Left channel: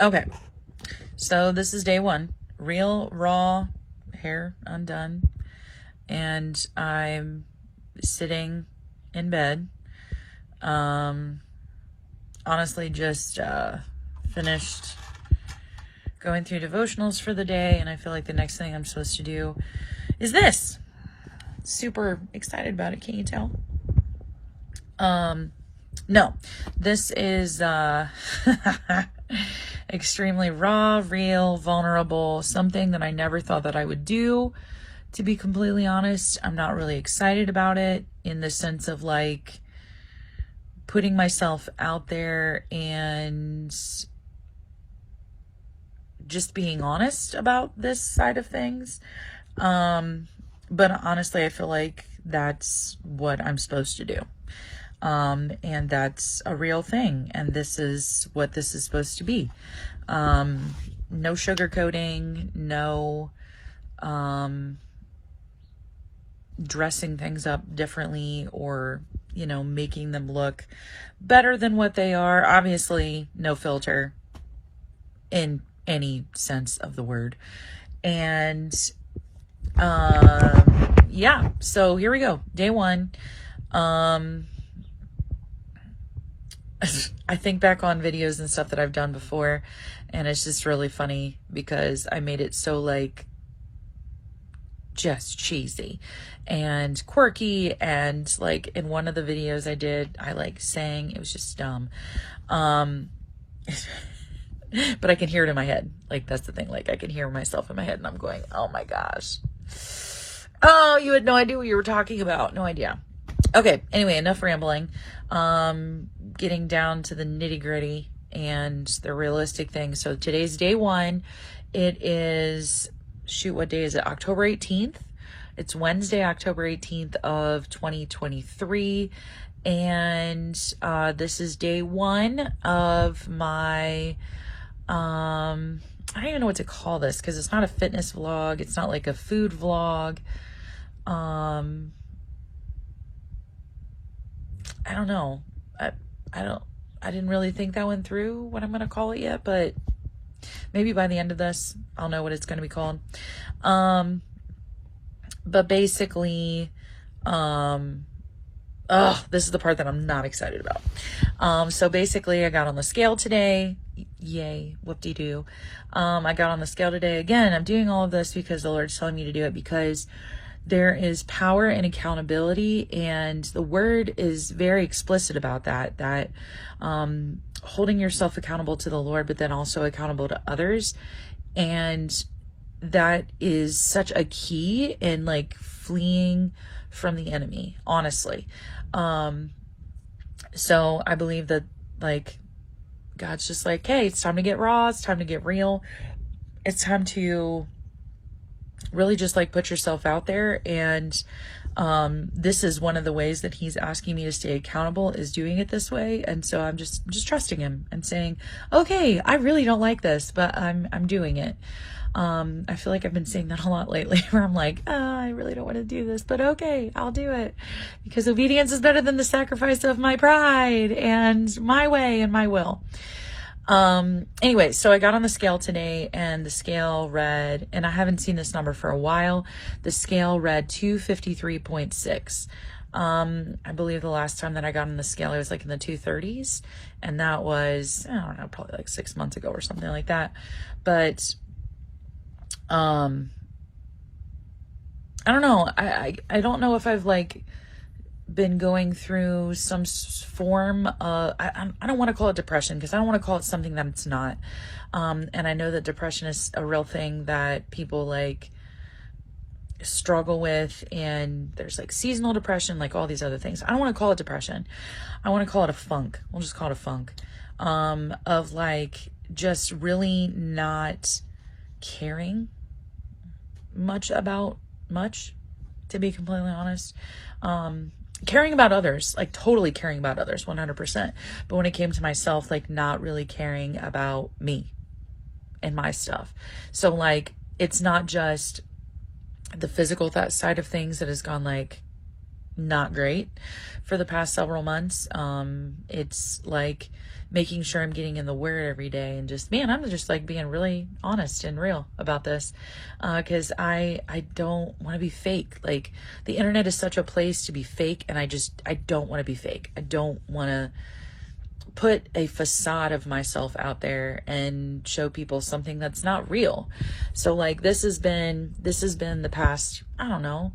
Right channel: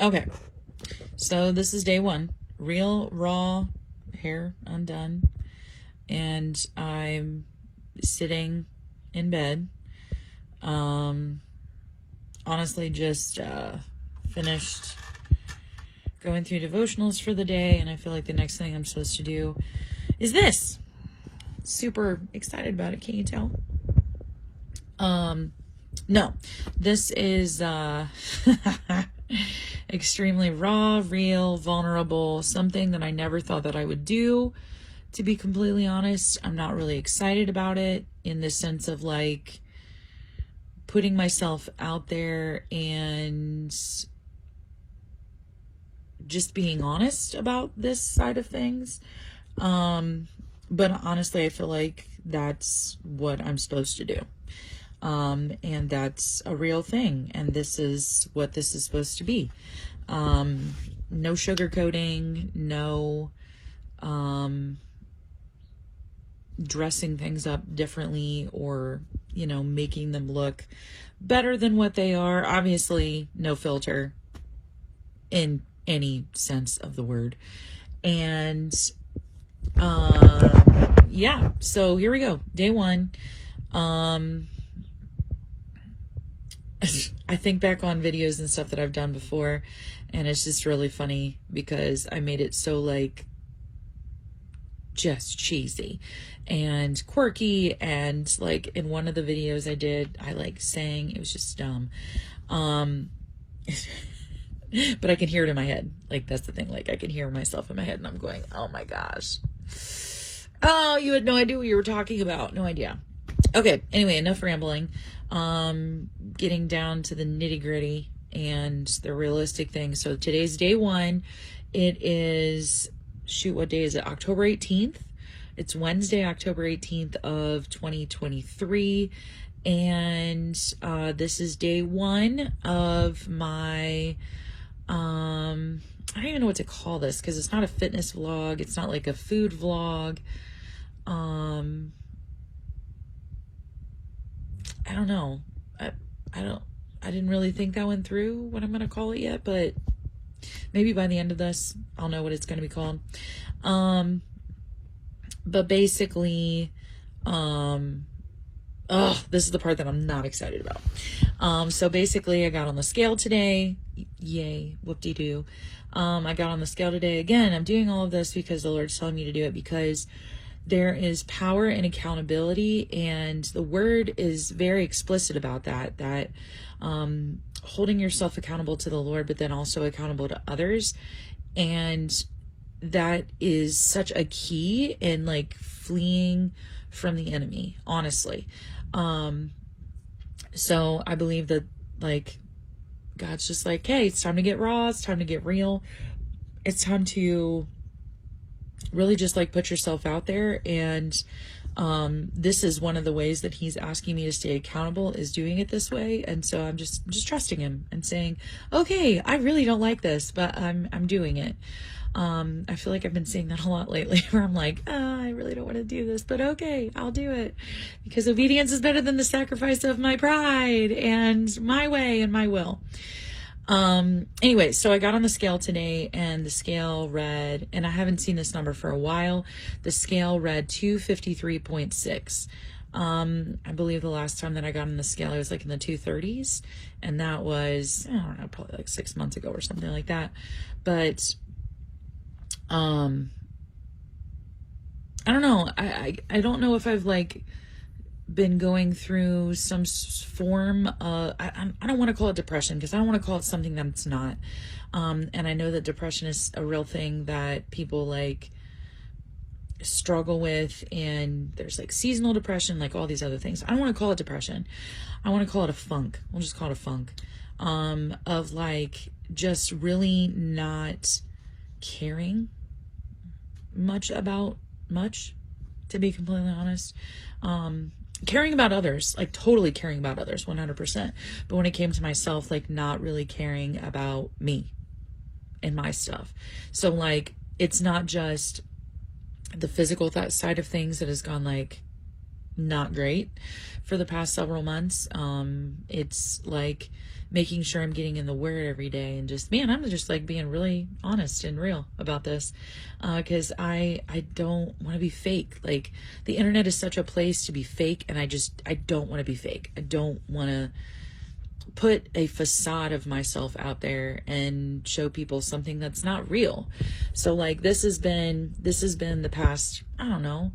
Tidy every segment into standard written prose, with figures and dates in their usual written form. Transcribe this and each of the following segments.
Okay, so this is day one. Real, raw, hair undone. And I'm sitting in bed. Um, honestly, just finished going through devotionals for the day. And I feel like the next thing I'm supposed to do is this. Super excited about it. Can't you tell? No, this is extremely raw, real, vulnerable, something that I never thought that I would do. To be completely honest, I'm not really excited about it in the sense of like putting myself out there and just being honest about this side of things. But honestly, I feel like that's what I'm supposed to do. And that's a real thing. And this is what this is supposed to be. No sugarcoating, no, dressing things up differently or, making them look better than what they are. Obviously, no filter in any sense of the word. And, yeah, so here we go. Day one. I think back on videos and stuff that I've done before, and it's just really funny because I made it so like just cheesy and quirky, and like in one of the videos I did, I like sang, it was just dumb. But I can hear it in my head. Like that's the thing, like I can hear myself in my head and I'm going, oh my gosh. Oh, you had no idea what you were talking about. No idea. Okay, anyway, enough rambling. Getting down to the nitty gritty and the realistic thing. So today's day one. It is, shoot, what day is it? October 18th. It's Wednesday, October 18th of 2023. And this is day one of my, I don't even know what to call this because it's not a fitness vlog. It's not like a food vlog. I don't know. I didn't really think that one through what I'm going to call it yet, but maybe by the end of this, I'll know what it's going to be called. But basically, this is the part that I'm not excited about. So basically I got on the scale today. Yay, whoop-de-doo. I got on the scale today. Again, I'm doing all of this because the Lord's telling me to do it because there is power in accountability, and the word is very explicit about that, holding yourself accountable to the Lord, but then also accountable to others. And that is such a key in like fleeing from the enemy, honestly. So I believe that like God's just like, hey, it's time to get raw. It's time to get real. It's time to really just like put yourself out there. And this is one of the ways that he's asking me to stay accountable, is doing it this way. And so I'm just trusting him and saying, okay, I really don't like this, but I'm doing it. I feel like I've been saying that a lot lately where I'm like, I really don't want to do this, but okay, I'll do it because obedience is better than the sacrifice of my pride and my way and my will. Anyway, so I got on the scale today and the scale read, and I haven't seen this number for a while. The scale read 253.6. I believe the last time that I got on the scale, it was like in the 230s, and that was, I don't know, probably like 6 months ago or something like that. But, I don't know. I don't know if I've like been going through some form of, I don't want to call it depression because I don't want to call it something that it's not. And I know that depression is a real thing that people like struggle with, and there's like seasonal depression, like all these other things. I don't want to call it depression. I want to call it a funk. We'll just call it a funk, of like just really not caring much about much, to be completely honest. Caring about others, like totally caring about others, 100%. But when it came to myself, like not really caring about me and my stuff. So like, it's not just the physical side of things that has gone like not great for the past several months. It's like making sure I'm getting in the word every day, and just, man, I'm just like being really honest and real about this. Cause I don't want to be fake. Like, the internet is such a place to be fake. And I don't want to be fake. I don't want to put a facade of myself out there and show people something that's not real. So like, this has been the past, I don't know,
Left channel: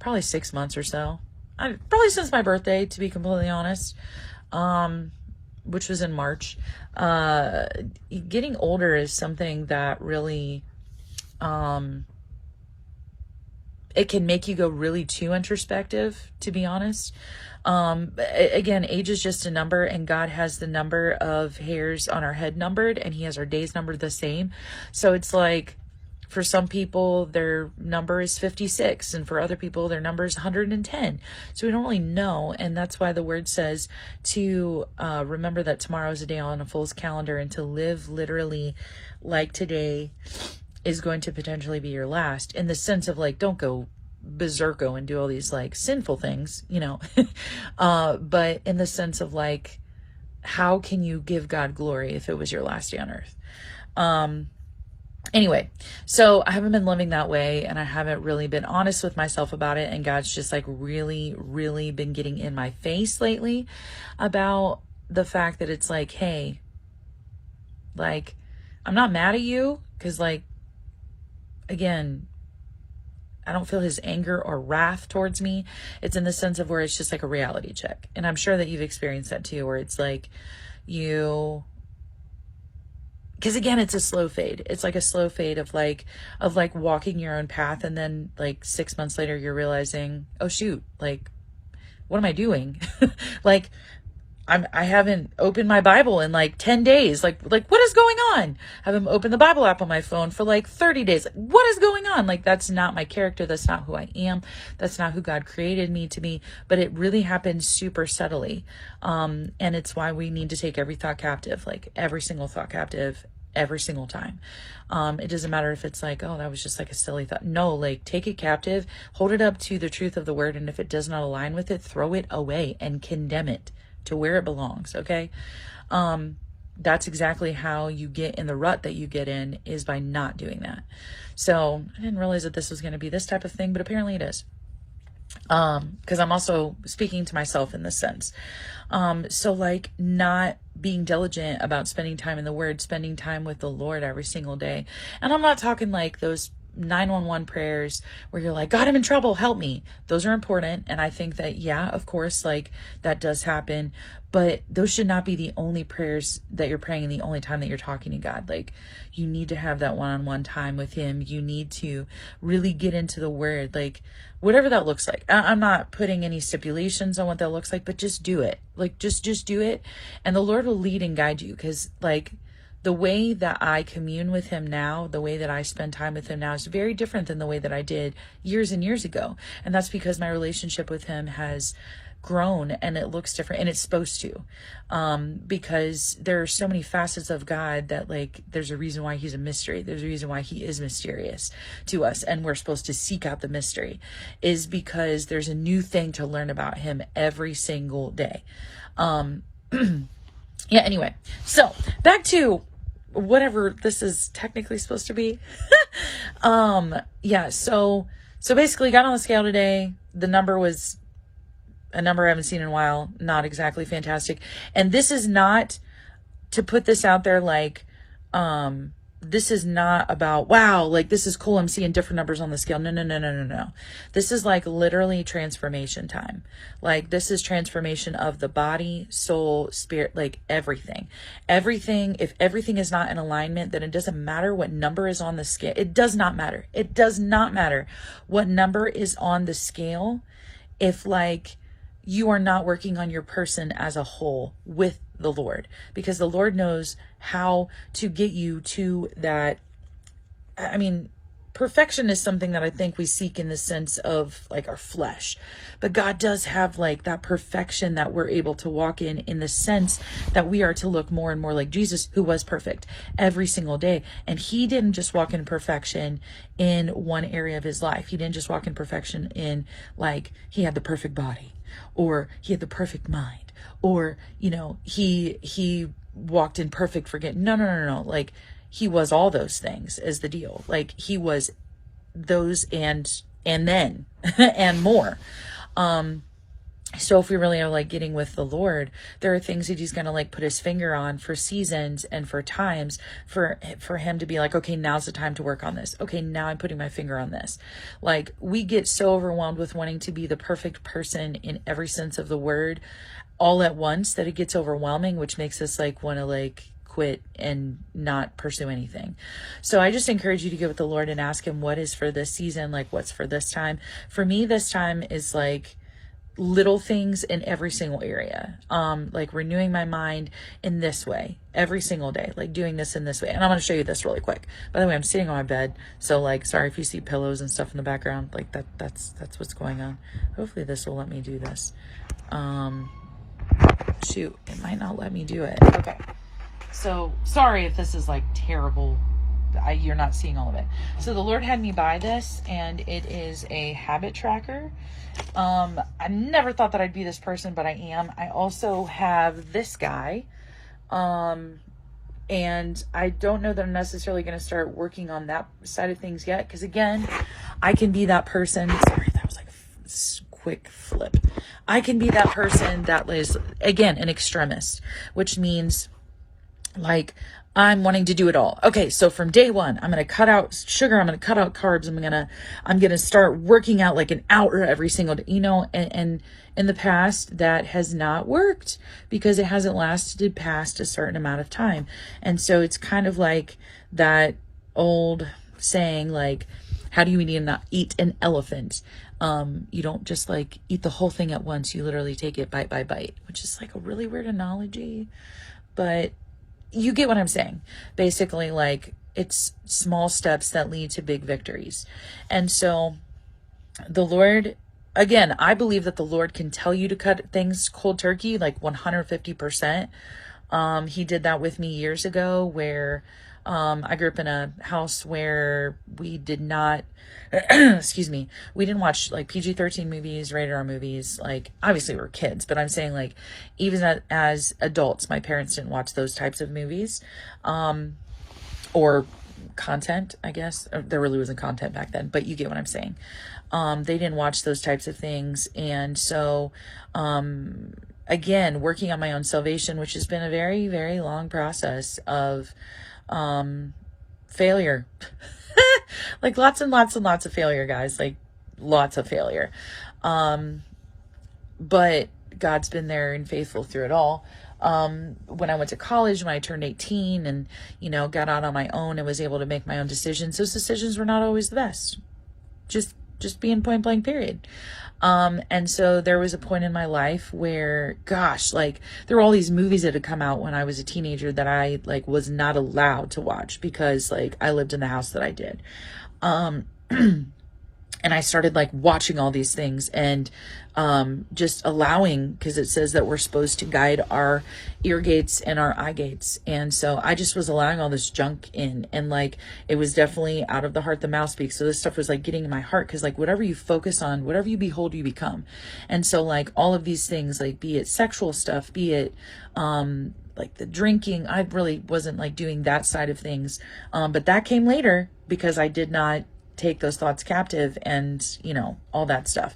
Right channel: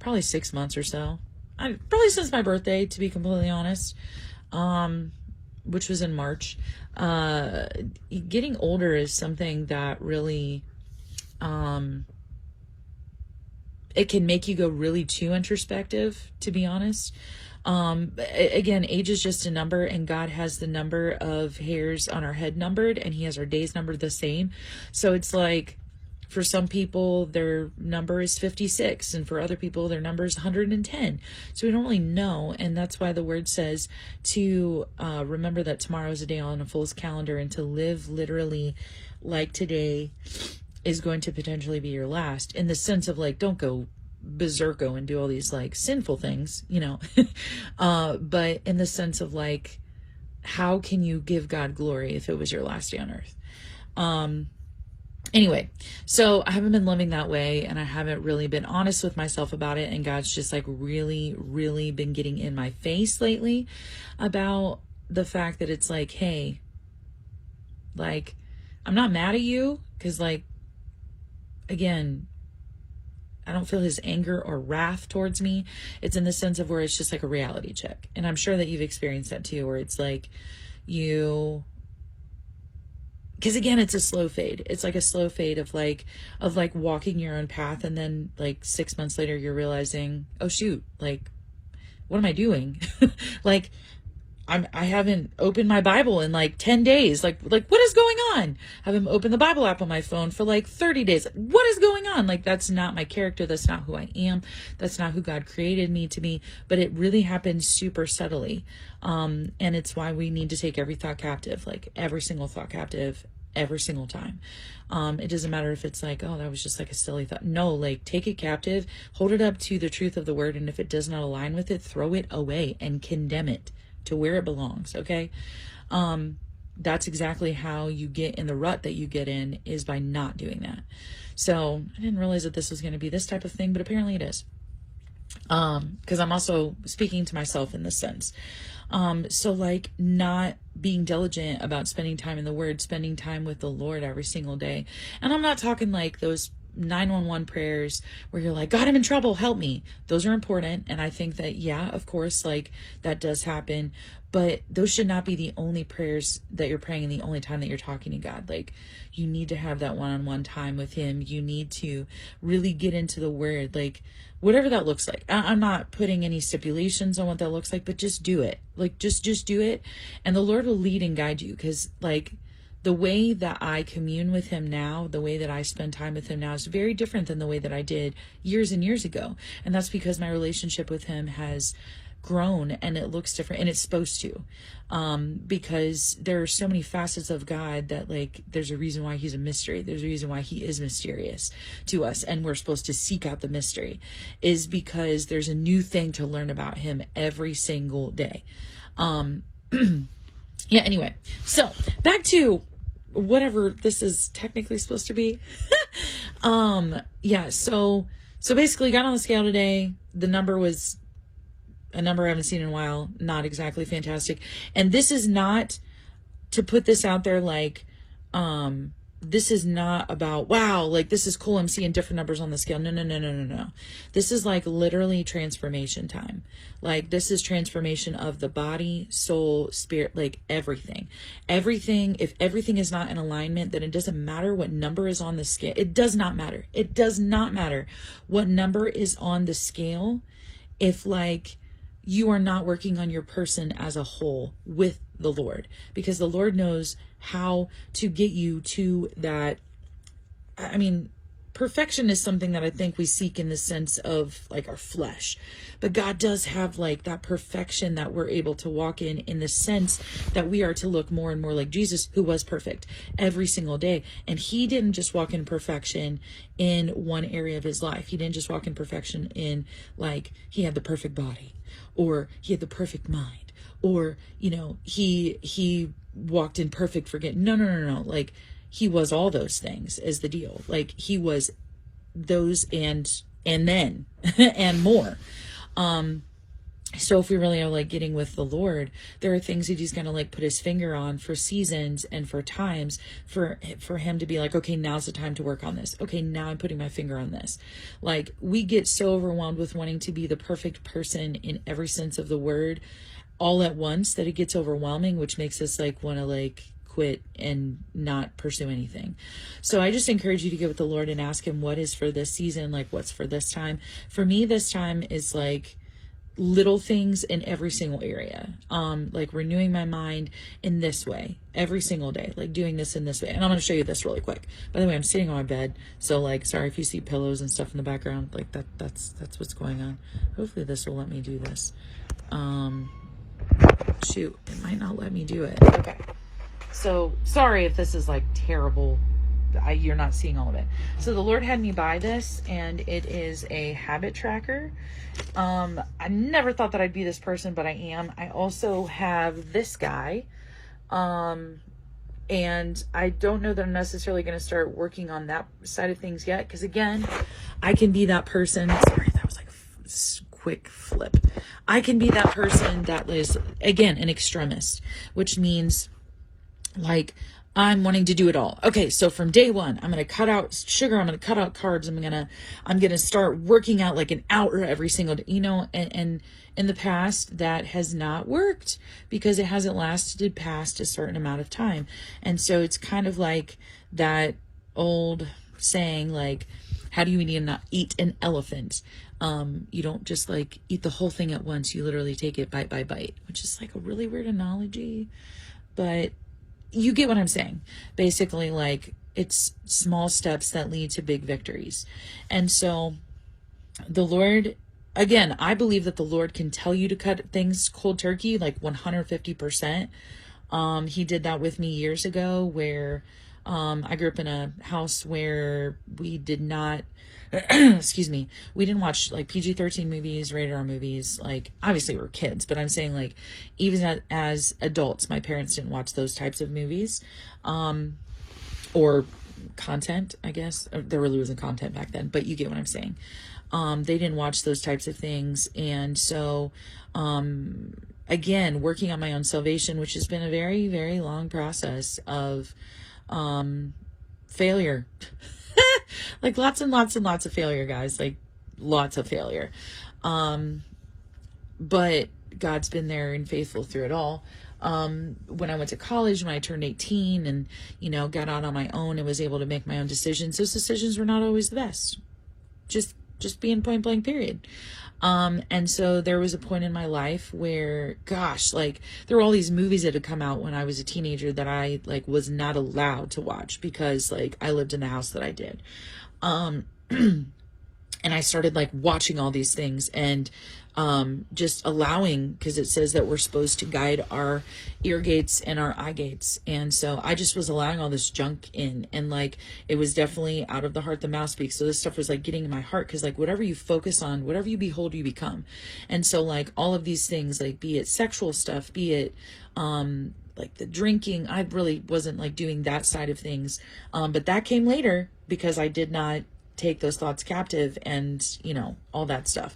probably 6 months or so. Probably since my birthday, to be completely honest, which was in March. Getting older is something that really, it can make you go really too introspective, to be honest. Again, age is just a number, and God has the number of hairs on our head numbered, and he has our days numbered the same. So it's like, for some people, their number is 56, and for other people, their number is 110. So we don't really know, and that's why the word says to remember that tomorrow is a day on a fool's calendar, and to live literally like today is going to potentially be your last, in the sense of like, don't go berserko and do all these like sinful things, you know, but in the sense of like, how can you give God glory if it was your last day on earth? Anyway, so I haven't been living that way, and I haven't really been honest with myself about it, and God's just like really, really been getting in my face lately about the fact that it's like, hey, like, I'm not mad at you, because like, again, I don't feel his anger or wrath towards me. It's in the sense of where it's just like a reality check. And I'm sure that you've experienced that too, where it's like because again, it's a slow fade. It's like a slow fade of like walking your own path. And then like 6 months later, you're realizing, oh shoot, like, what am I doing? Like, I haven't opened my Bible in like 10 days. Like what is going on? I haven't opened the Bible app on my phone for like 30 days. What is going on? Like, that's not my character. That's not who I am. That's not who God created me to be. But it really happens super subtly. And it's why we need to take every thought captive, like every single thought captive, every single time. It doesn't matter if it's like, oh, that was just like a silly thought. No, like, take it captive, hold it up to the truth of the word. And if it does not align with it, throw it away and condemn it to where it belongs. Okay. That's exactly how you get in the rut that you get in, is by not doing that. So I didn't realize that this was going to be this type of thing, but apparently it is. Because I'm also speaking to myself in this sense. So like, not being diligent about spending time in the word, spending time with the Lord every single day. And I'm not talking like those 911 prayers where you're like, God, I'm in trouble, help me. Those are important. And I think that, yeah, of course, like, that does happen, but those should not be the only prayers that you're praying, the only time that you're talking to God. Like, you need to have that one-on-one time with him. You need to really get into the word, like, whatever that looks like. I'm not putting any stipulations on what that looks like, but just do it. Like, just do it. And the Lord will lead and guide you. Cause like, the way that I commune with him now, the way that I spend time with him now is very different than the way that I did years and years ago. And that's because my relationship with him has grown, and it looks different, and it's supposed to, because there are so many facets of God that, like, there's a reason why he's a mystery. There's a reason why he is mysterious to us, and we're supposed to seek out the mystery, is because there's a new thing to learn about him every single day. Yeah, anyway, so back to whatever this is technically supposed to be. Yeah, so basically got on the scale today. The number was a number I haven't seen in a while. Not exactly fantastic. And this is not to put this out there like, this is not about, wow, like, this is cool, I'm seeing different numbers on the scale. No. This is like literally transformation time. Like, this is transformation of the body, soul, spirit, like everything. If everything is not in alignment, then it doesn't matter what number is on the scale. It does not matter. It does not matter what number is on the scale if, like, you are not working on your person as a whole with the Lord, because the Lord knows how to get you to that. I mean, perfection is something that I think we seek in the sense of like our flesh, but God does have like that perfection that we're able to walk in the sense that we are to look more and more like Jesus, who was perfect every single day. And he didn't just walk in perfection in one area of his life. He didn't just walk in perfection in, like, he had the perfect body, or he had the perfect mind, or, you know, he walked in perfect forget. No, no, no, no. Like, he was all those things is the deal. Like, he was those and then and more. So if we really are like getting with the Lord, there are things that he's going to like put his finger on for seasons and for times for him to be like, okay, now's the time to work on this. Okay, now I'm putting my finger on this. Like, we get so overwhelmed with wanting to be the perfect person in every sense of the word all at once that it gets overwhelming, which makes us like want to like quit and not pursue anything. So I just encourage you to get with the Lord and ask him what is for this season, like what's for this time. For me, this time is like little things in every single area, like renewing my mind in this way every single day, like doing this in this way. And I'm going to show you this really quick. By the way, I'm sitting on my bed, so like, sorry if you see pillows and stuff in the background, like that's what's going on. Hopefully this will let me do this. Shoot, it might not let me do it. Okay, so sorry if this is like terrible. You're not seeing all of it. So the Lord had me buy this, and it is a habit tracker. I never thought that I'd be this person, but I am. I also have this guy, and I don't know that I'm necessarily going to start working on that side of things yet, because again, I can be that person. Sorry, that was like a quick flip. I can be that person that was, again, an extremist, which means like, I'm wanting to do it all. Okay, so from day one, I'm going to cut out sugar. I'm going to cut out carbs. I'm going to start working out like an hour every single day, and in the past that has not worked because it hasn't lasted past a certain amount of time. And so it's kind of like that old saying, like, how do you eat an elephant? You don't just like eat the whole thing at once. You literally take it bite by bite, which is like a really weird analogy, but you get what I'm saying. Basically, like, it's small steps that lead to big victories. And so the Lord, again, I believe that the Lord can tell you to cut things cold turkey, like 150%. He did that with me years ago, where I grew up in a house where we did not excuse me, we didn't watch like PG-13 movies, rated R movies. Like, obviously we're kids, but I'm saying like even as adults, my parents didn't watch those types of movies, or content, I guess. There really wasn't content back then, but you get what I'm saying. They didn't watch those types of things. And so, again, working on my own salvation, which has been a very, very long process of, failure. Like lots and lots and lots of failure, guys, like lots of failure. But God's been there and faithful through it all. When I went to college, when I turned 18 and, got out on my own and was able to make my own decisions, those decisions were not always the best. Just being point blank, period. And so there was a point in my life where, gosh, like there were all these movies that had come out when I was a teenager that I like was not allowed to watch because like I lived in the house that I did. And I started like watching all these things and just allowing, because it says that we're supposed to guide our ear gates and our eye gates. And so I just was allowing all this junk in, and like it was definitely out of the heart the mouth speaks. So this stuff was like getting in my heart, because like whatever you focus on, whatever you behold, you become. And so like all of these things, like be it sexual stuff, be it like the drinking, I really wasn't like doing that side of things, but that came later because I did not take those thoughts captive and all that stuff.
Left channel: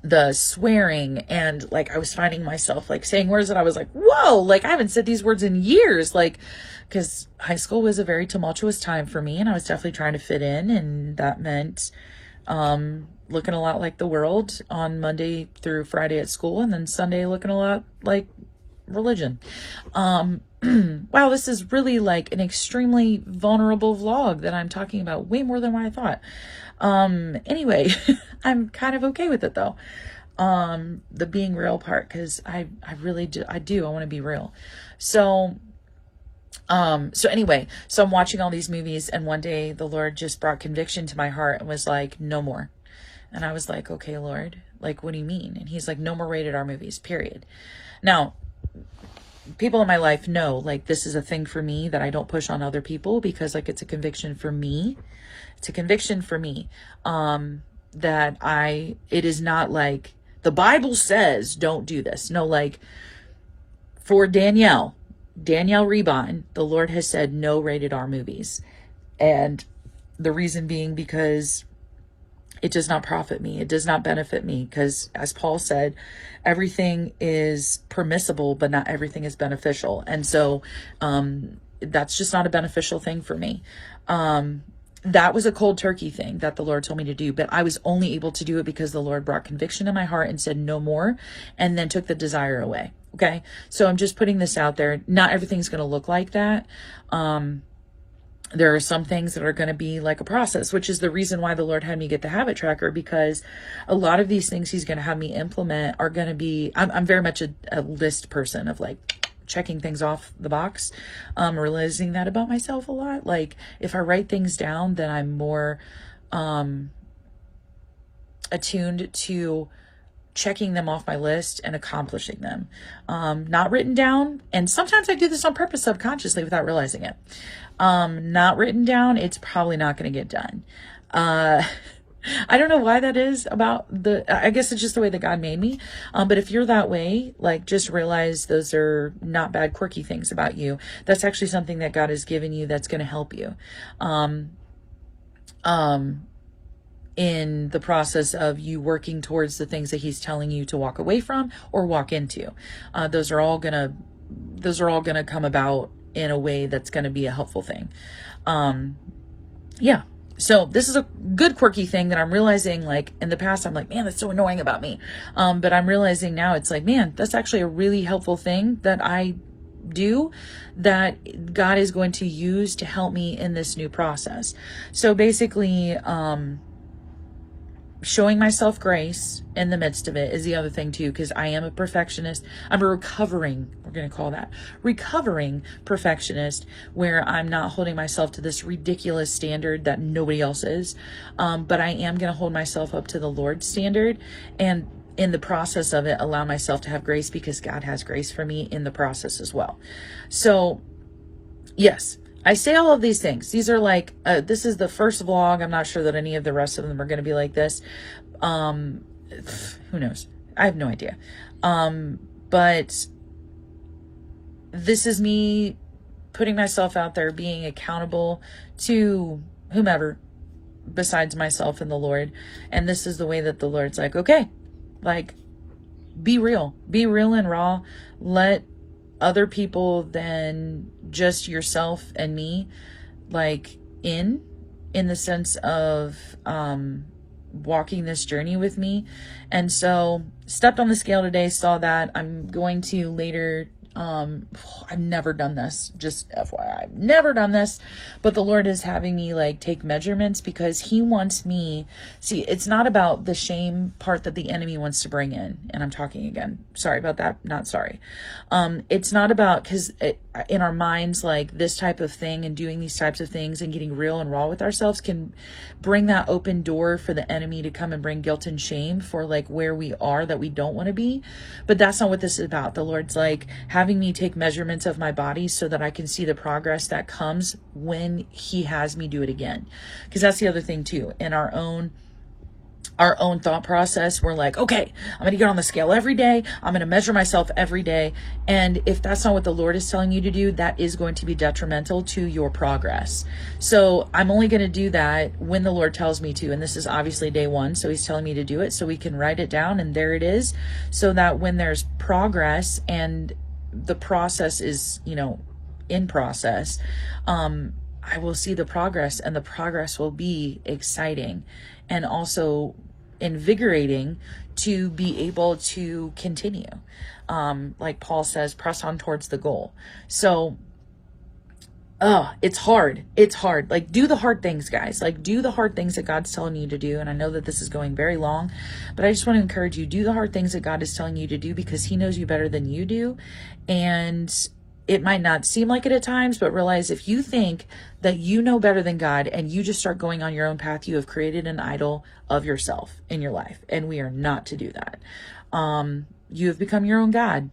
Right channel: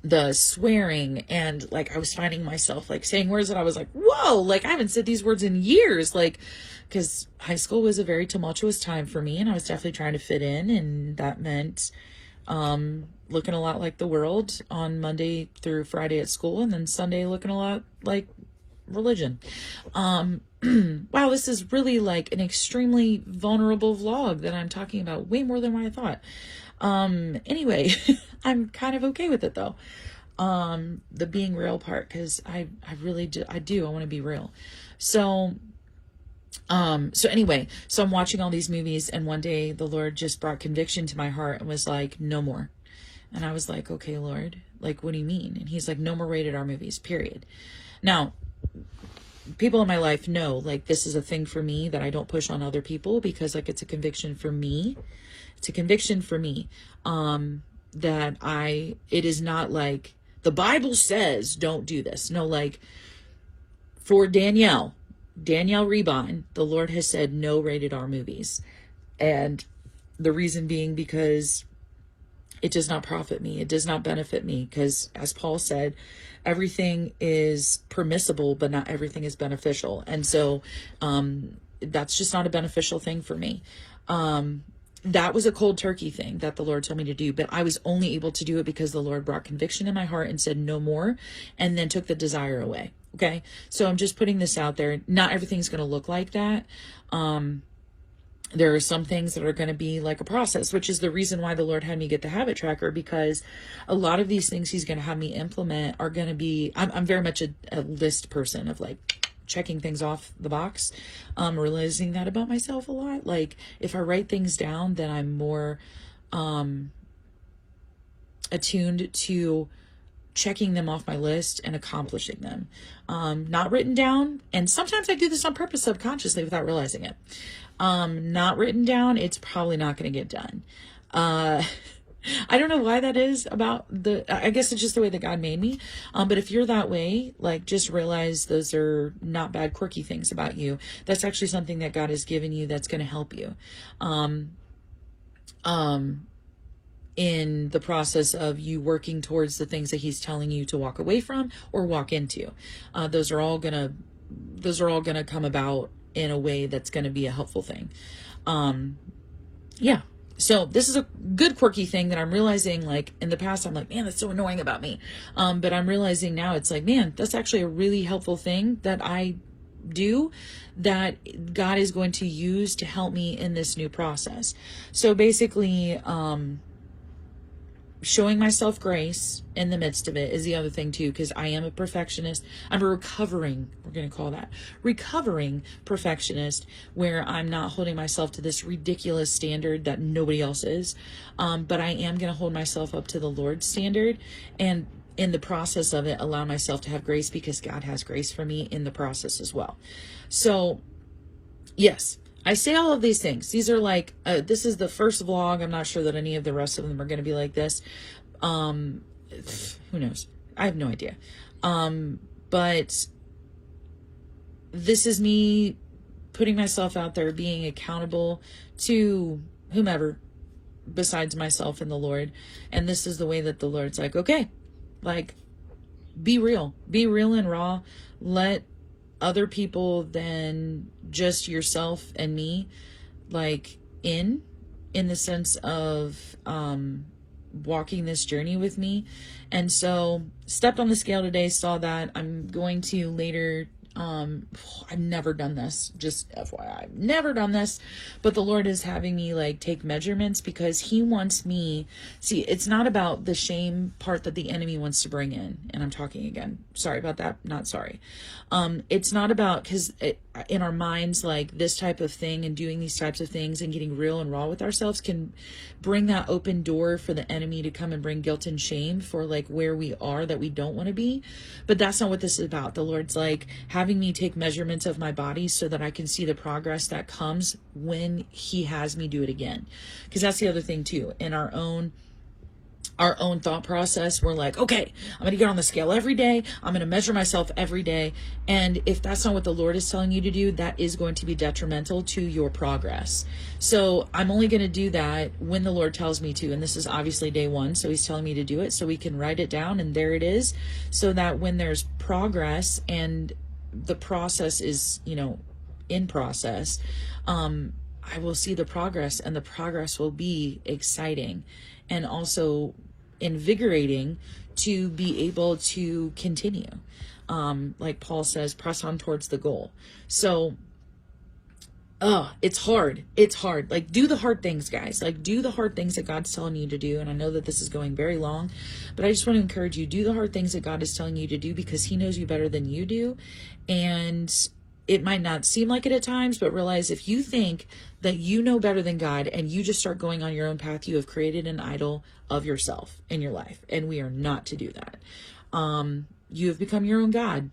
The swearing, and like I was finding myself like saying words that I was like, whoa, like I haven't said these words in years, like, because high school was a very tumultuous time for me, and I was definitely trying to fit in, and that meant looking a lot like the world on Monday through Friday at school, and then Sunday looking a lot like religion. Wow, this is really like an extremely vulnerable vlog that I'm talking about way more than what I thought. Anyway, I'm kind of okay with it though. The being real part, because I really do, I want to be real. So anyway, so I'm watching all these movies, and one day the Lord just brought conviction to my heart and was like, no more. And I was like, okay, Lord, like, what do you mean? And he's like, no more rated R movies, period. Now, people in my life know, like, this is a thing for me that I don't push on other people, because like it's a conviction for me. It's a conviction for me, that it is not like the Bible says don't do this. No, like for Danielle Reban, the Lord has said no rated R movies. And the reason being because it does not profit me. It does not benefit me, because as Paul said, everything is permissible, but not everything is beneficial. And so that's just not a beneficial thing for me. That was a cold turkey thing that the Lord told me to do, but I was only able to do it because the Lord brought conviction in my heart and said no more, and then took the desire away. Okay. So I'm just putting this out there. Not everything's going to look like that. There are some things that are going to be like a process, which is the reason why the Lord had me get the habit tracker, because a lot of these things he's going to have me implement are going to be, I'm very much a list person of like checking things off the box, realizing that about myself a lot. Like if I write things down, then I'm more attuned to checking them off my list and accomplishing them. Not written down, and sometimes I do this on purpose subconsciously without realizing it. Not written down, it's probably not going to get done. I don't know why that is about I guess it's just the way that God made me. But if you're that way, like, just realize those are not bad, quirky things about you. That's actually something that God has given you that's going to help you. In the process of you working towards the things that he's telling you to walk away from or walk into. Those are all gonna come about in a way that's going to be a helpful thing. Yeah. So this is a good quirky thing that I'm realizing, like, in the past, I'm like, man, that's so annoying about me. But I'm realizing now it's like, man, that's actually a really helpful thing that I do, that God is going to use to help me in this new process. So basically, showing myself grace in the midst of it is the other thing too, because I am a perfectionist. I'm a recovering perfectionist, where I'm not holding myself to this ridiculous standard that nobody else is. But I am going to hold myself up to the Lord's standard, and in the process of it, allow myself to have grace, because God has grace for me in the process as well. So yes, I say all of these things. These are like, this is the first vlog. I'm not sure that any of the rest of them are going to be like this. Who knows? I have no idea. But this is me putting myself out there, being accountable to whomever besides myself and the Lord. And this is the way that the Lord's like, okay, like, be real and raw. Let other people than just yourself and me, like, in the sense of walking this journey with me. And so stepped on the scale today, saw that. I'm going to later, I've never done this, just FYI, I've never done this, but the Lord is having me like take measurements, because he wants me, see, it's not about the shame part that the enemy wants to bring in. And I'm talking again, sorry about that, not sorry. It's not about, because in our minds, like, this type of thing and doing these types of things and getting real and raw with ourselves can bring that open door for the enemy to come and bring guilt and shame for like where we are that we don't want to be. But that's not what this is about. The Lord's like having me take measurements of my body so that I can see the progress that comes when he has me do it again. Because that's the other thing too, in our own thought process, we're like, okay, I'm going to get on the scale every day. I'm going to measure myself every day. And if that's not what the Lord is telling you to do, that is going to be detrimental to your progress. So I'm only going to do that when the Lord tells me to. And this is obviously day one. So he's telling me to do it so we can write it down, and there it is. So that when there's progress and the process is, in process, I will see the progress, and the progress will be exciting and also invigorating to be able to continue. Like Paul says, press on towards the goal. So, it's hard. It's hard. Like, do the hard things, guys. Like, do the hard things that God's telling you to do. And I know that this is going very long, but I just want to encourage you, do the hard things that God is telling you to do, because he knows you better than you do. And it might not seem like it at times, but realize if you think that you know better than God and you just start going on your own path, you have created an idol of yourself in your life. And we are not to do that. You have become your own God.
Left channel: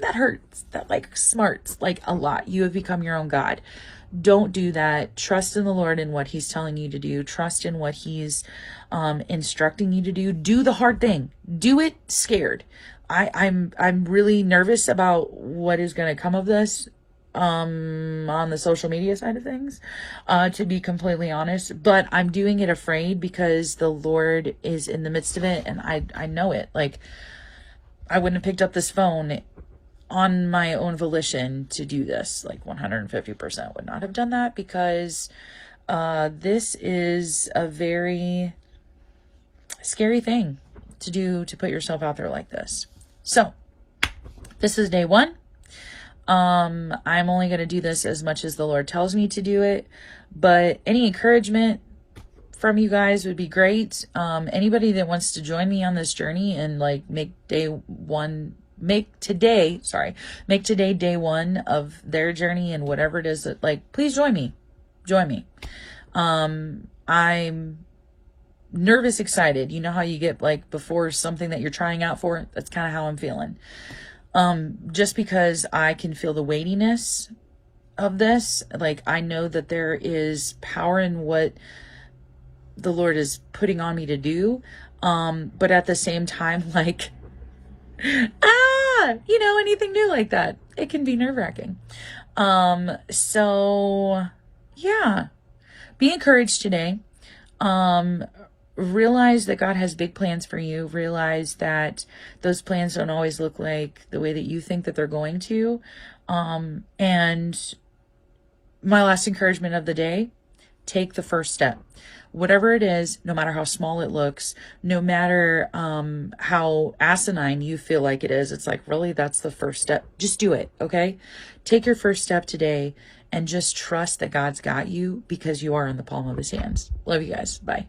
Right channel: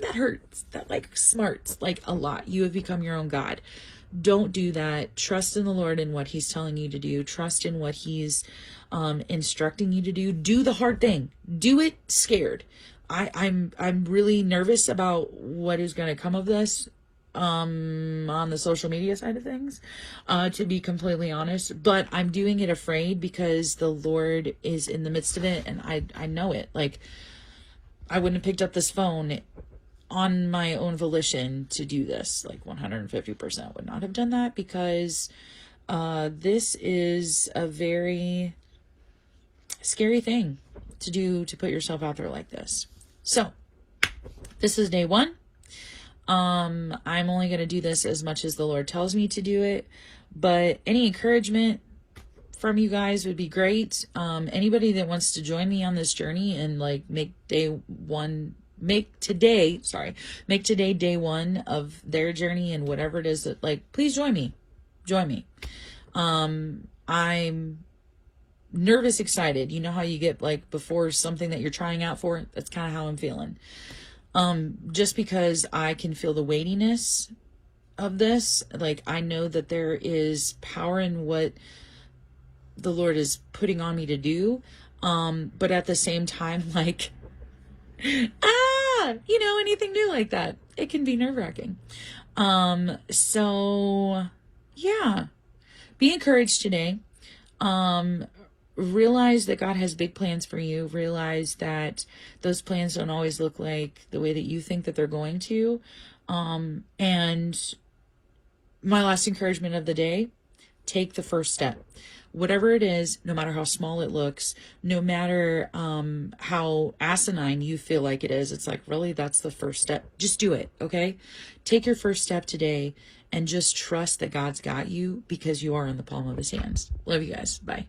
That hurts. That like smarts like a lot. You have become your own God. Don't do that. Trust in the Lord and what he's telling you to do. Trust in what he's instructing you to do. Do the hard thing. Do it scared. I'm really nervous about what is going to come of this on the social media side of things, to be completely honest. But I'm doing it afraid because the Lord is in the midst of it, and I know it. Like, I wouldn't have picked up this phone on my own volition to do this. Like, 150% would not have done that, because this is a very scary thing to do, to put yourself out there like this. So this is day one. I'm only going to do this as much as the Lord tells me to do it, but any encouragement from you guys would be great. Anybody that wants to join me on this journey and like make today day one of their journey, and whatever it is that, like, please join me. I'm nervous, excited. You know how you get like before something that you're trying out for? That's kind of how I'm feeling. Just because I can feel the weightiness of this. Like, I know that there is power in what the Lord is putting on me to do. But at the same time, like, anything new like that, it can be nerve-wracking. So yeah, be encouraged today. Realize that God has big plans for you. Realize that those plans don't always look like the way that you think that they're going to. And my last encouragement of the day, take the first step. Whatever it is, no matter how small it looks, no matter how asinine you feel like it is, it's like, really, that's the first step. Just do it, okay? Take your first step today and just trust that God's got you, because you are in the palm of his hands. Love you guys. Bye.